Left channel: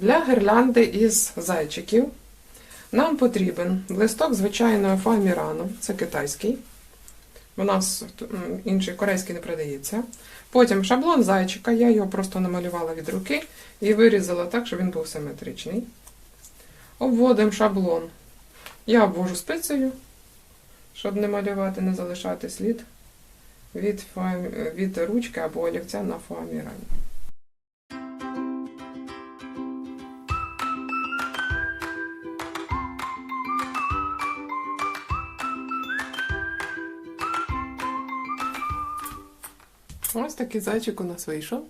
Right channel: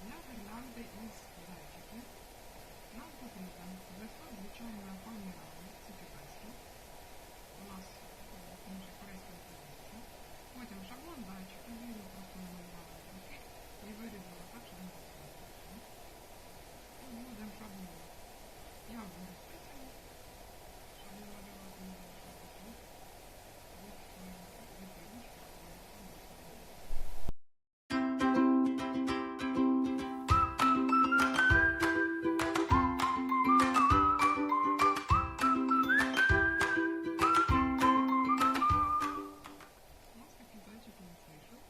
Для гірлянди із зайчиків нам потрібен листок звичайного фоамірану, це китайський. У нас інший корейський не продається. Потім шаблон зайчика, я його просто намалювала від руки і вирізала так, щоб він був симетричний. Обводимо шаблон. Я обвожу спицею, щоб не малювати, не залишати слід від, від ручки або олівця на фоамірані. Ось такий зайчик у нас вийшов.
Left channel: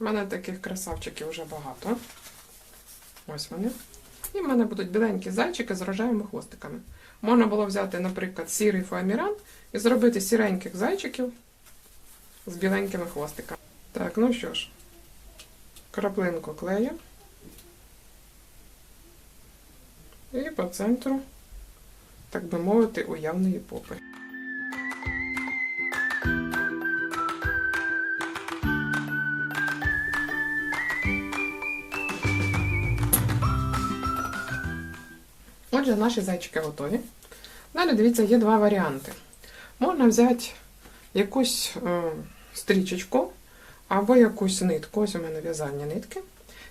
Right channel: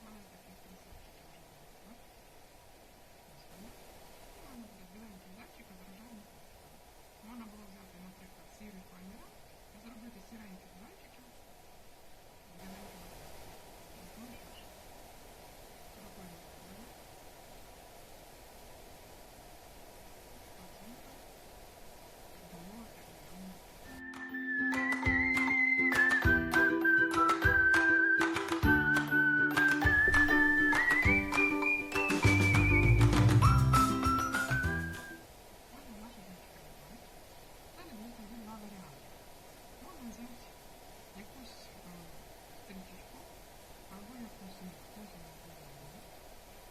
У мене таких красавчиків вже багато. Ось вони. І в мене будуть біленькі зайчики з рожевими хвостиками. Можна було взяти, наприклад, сірий фоаміран і зробити сіреньких зайчиків з біленькими хвостиками. Так, ну що ж, краплинку клею. І по центру, так би мовити, уявної попи. Отже, наші зайчики готові. Далі, дивіться, є два варіанти. Можна взяти якусь е, стрічечку або якусь нитку, ось у мене в'язальні нитки,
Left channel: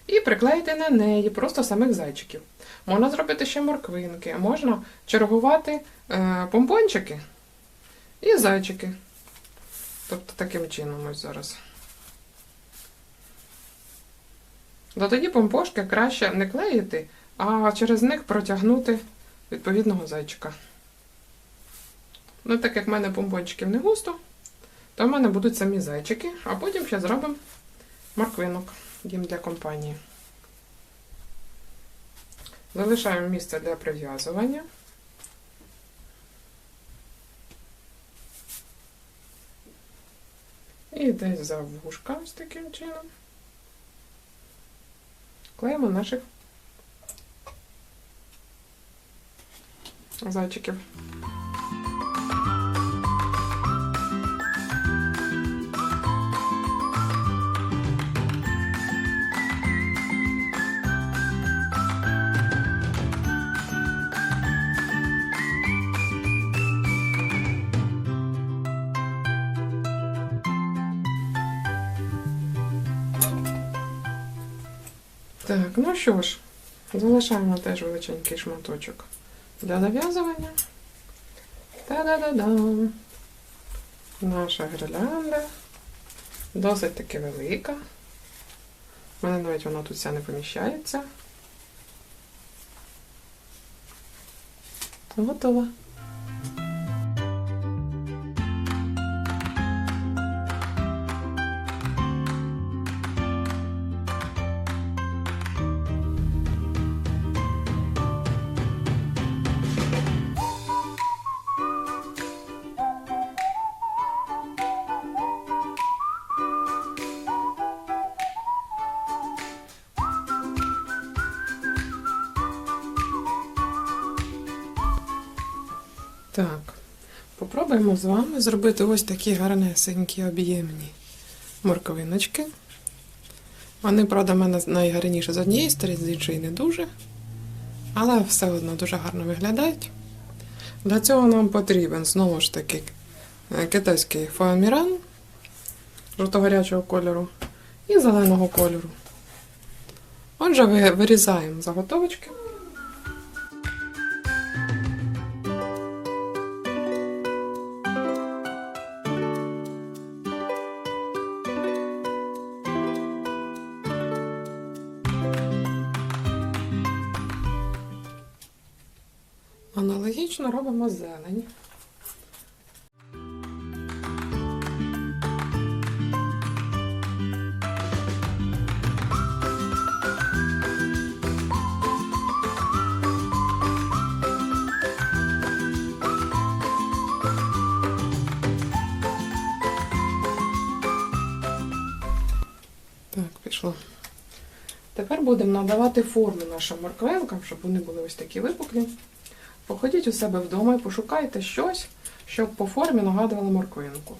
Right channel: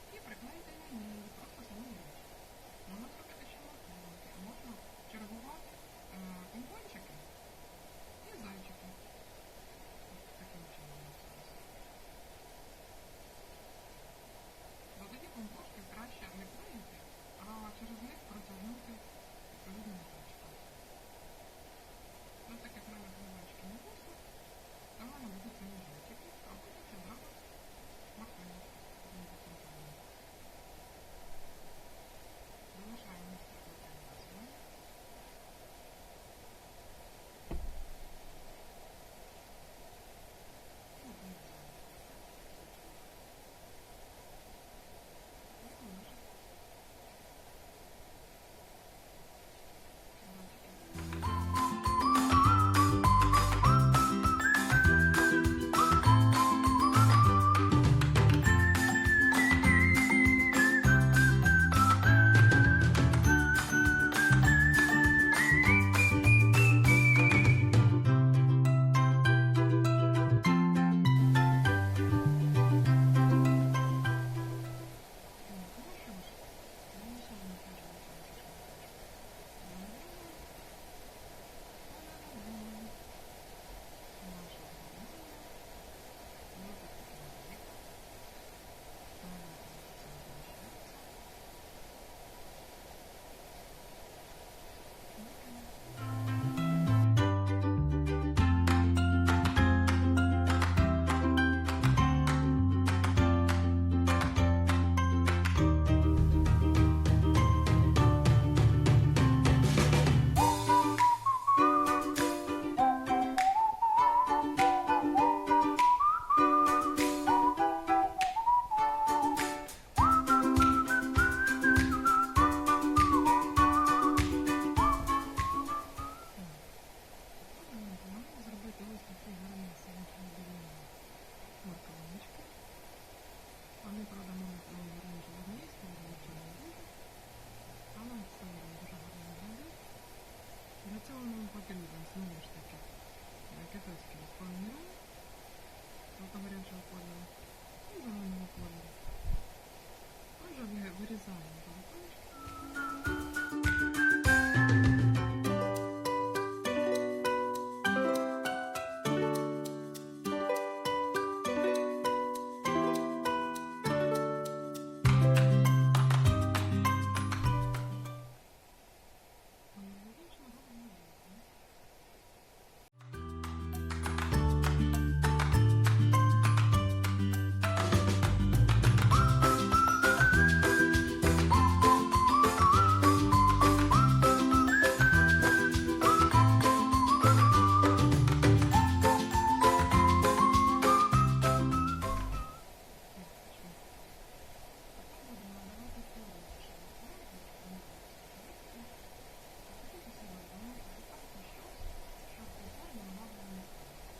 і приклеїти на неї просто самих зайчиків. Можна зробити ще морквинки, можна чергувати е, помпончики і зайчики. Тобто таким чином ось зараз. То тоді помпошки краще не клеїти, а через них протягнути відповідного зайчика. Ну, так як в мене помпончиків не густо, то в мене будуть самі зайчики, а потім ще зробимо морквинок їм для компанії. Залишаємо місце для прив'язування. І десь за вушка ось таким чином. Клеїмо наших зайчиків. Так, ну що ж, залишаємо теж величенький шматочок для зав'язування. Та-да-да-дам! Наша гірлянда досить таки велика. У мене навіть вона тут вся не поміщається. Готова. Так, попробуємо з вами зробити ось такі гарнесенькі об'ємні морковиночки. Вони, правда, в мене найгарніше з однієї сторони, з іншої не дуже. Але все одно дуже гарно виглядають. Для цього нам потрібен знову ж таки китайський фоаміран жовто-гарячого кольору і зеленого кольору. Отже, вирізаємо заготовочки. Аналогічно робимо зелень. Тепер будемо надавати форму нашим морквинкам, щоб вони були ось такі випуклі. Походіть у себе вдома і пошукайте щось, щоб по формі нагадувало морквинку.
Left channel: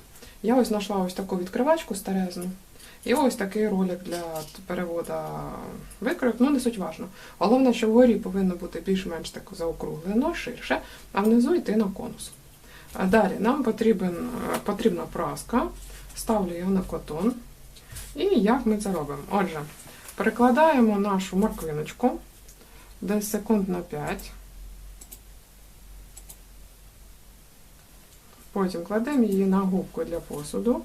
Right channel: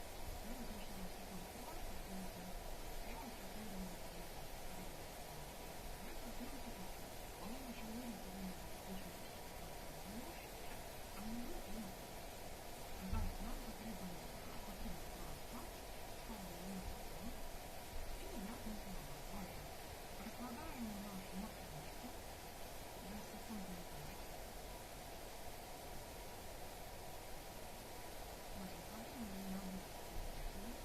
Я ось знайшла ось таку відкривачку старезну І ось такий ролик для переводу викройок, ну не суть важно. Головне, що вгорі повинно бути більш-менш так заокруглено, ширше, а внизу йти на конус. А далі нам потрібен, потрібна праска, ставлю його на котон. І як ми це робимо? Отже, перекладаємо нашу морквиночку десь секунд на 5. Потім кладемо її на губку для посуду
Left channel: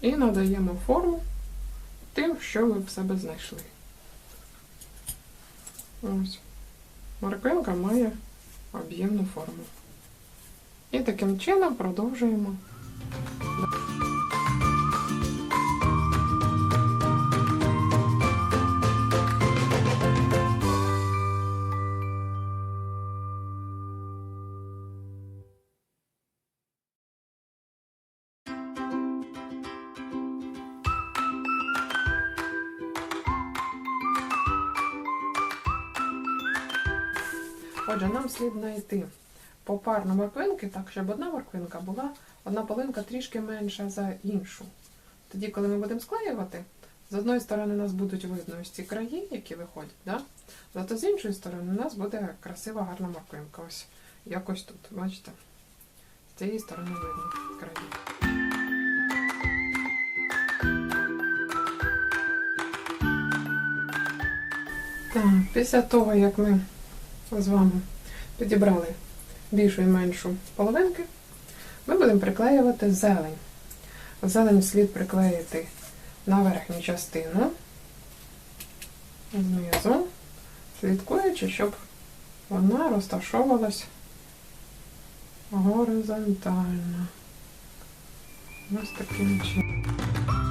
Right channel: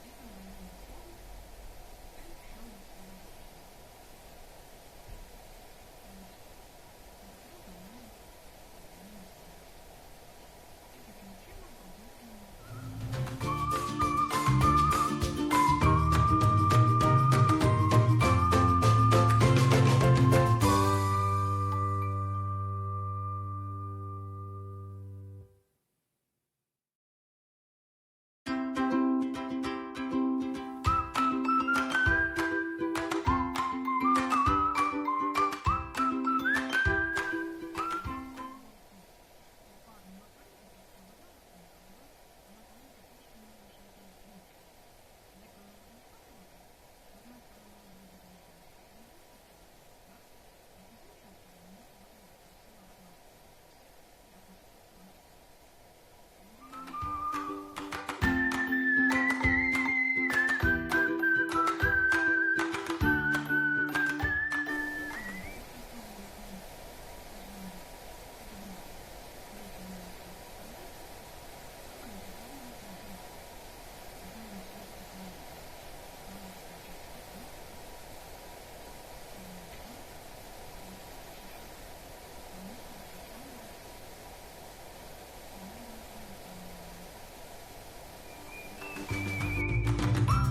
і надаємо форму тим, що ви в себе знайшли. Ось. Морквинка має об'ємну форму. І таким чином продовжуємо. Отже, нам слід знайти попарно морквинки, так, щоб одна морквинка була, одна полинка трішки менша за іншу. Тоді, коли ми будемо склеювати, з одної сторони у нас будуть видно ось ці краї, які виходять, да? зато з іншої сторони у нас буде красива гарна морквинка. Ось якось тут, бачите? З цієї сторони видно краї. Так, після того, як ми з вами підібрали більшу і меншу половинки, ми будемо приклеювати зелень. Зелень слід приклеїти на верхню частину знизу, слідкуючи, щоб вона розташовувалась горизонтально. Ось таким чином.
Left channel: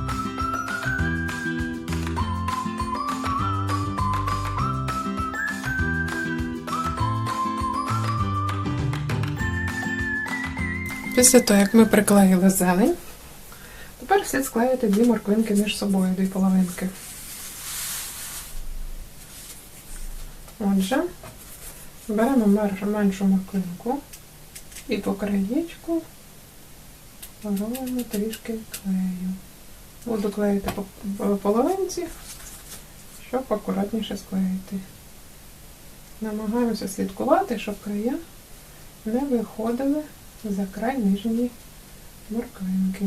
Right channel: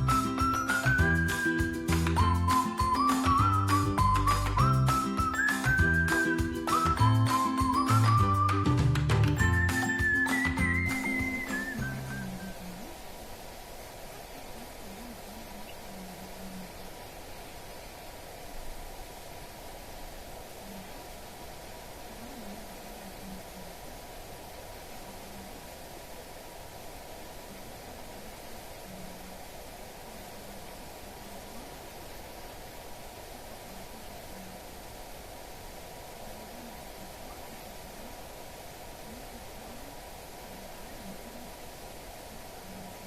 Після того, як ми приклеїли зелень, тепер слід склеїти дві морквинки між собою, дві половинки. Отже, беремо меншу, морквинку і по краєчку робимо трішки клею. Буду клеїти по половинці, щоб акуратніше склеїти. Намагаюся слідкувати, щоб края не виходили за край ніжні морквинки.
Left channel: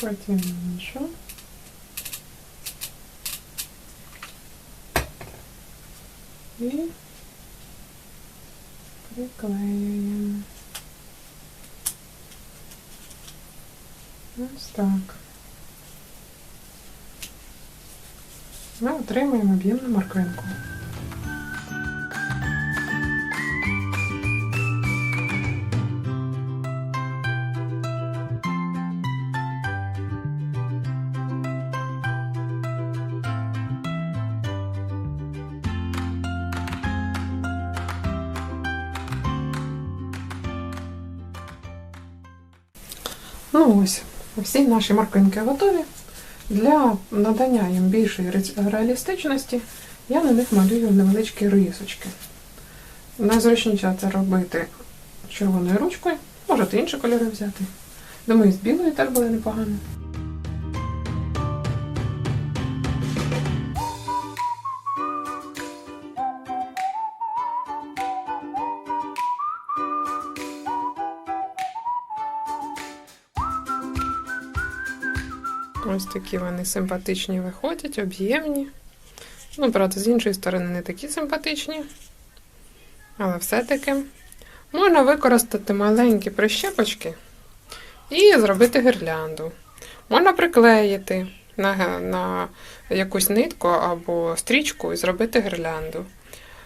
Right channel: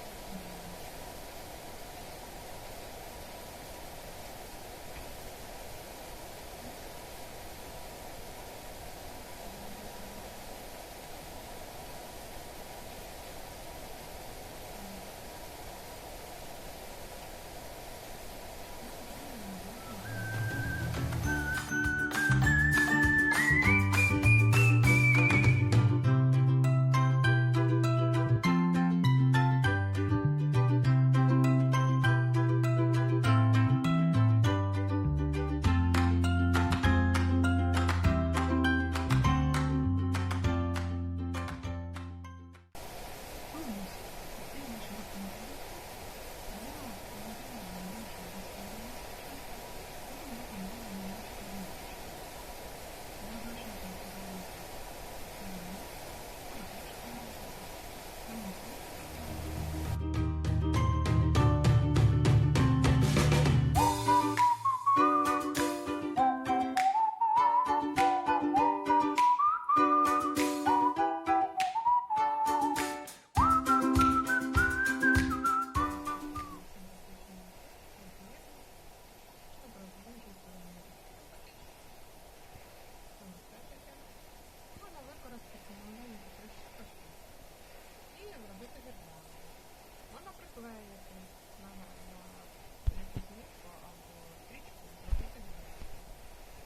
Потім іншу. І приклеюємо. Ось так. Ми отримуємо об'ємну морквинку. Ну ось, всі наші морквинки готові. Для надання їм більшої реалістичності я на них малюю невеличкі рисочки. Найзручніше це робити червоною ручкою, можете інші кольори взяти. Думаю, з білою теж буде непогано. Такі вони симпатичні виходять, об'ємні. Ну, правда, з іншої сторони не такі симпатичні. Але все-таки можна використати маленькі прищепочки і зробити гірлянду. Можна приклеїти на, на якусь нитку або стрічку і зробити гірлянду.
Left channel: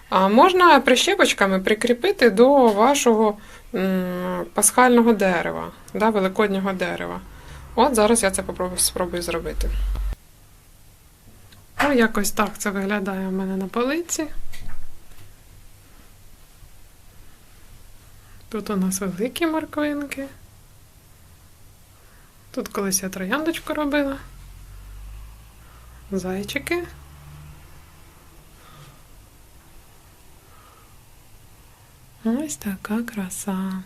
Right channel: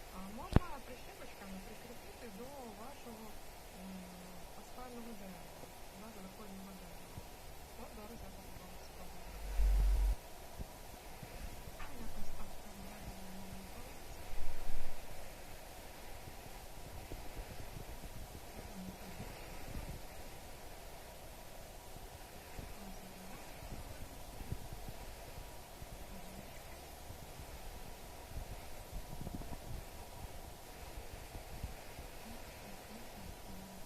А можна прищепочками прикріпити до вашого м, пасхального дерева, да, великоднього дерева. От зараз я це попробую, спробую зробити. Ну, якось так це виглядає у мене на полиці. Тут у нас великі морквинки. Тут колись я трояндочку робила. Зайчики. Ось така краса.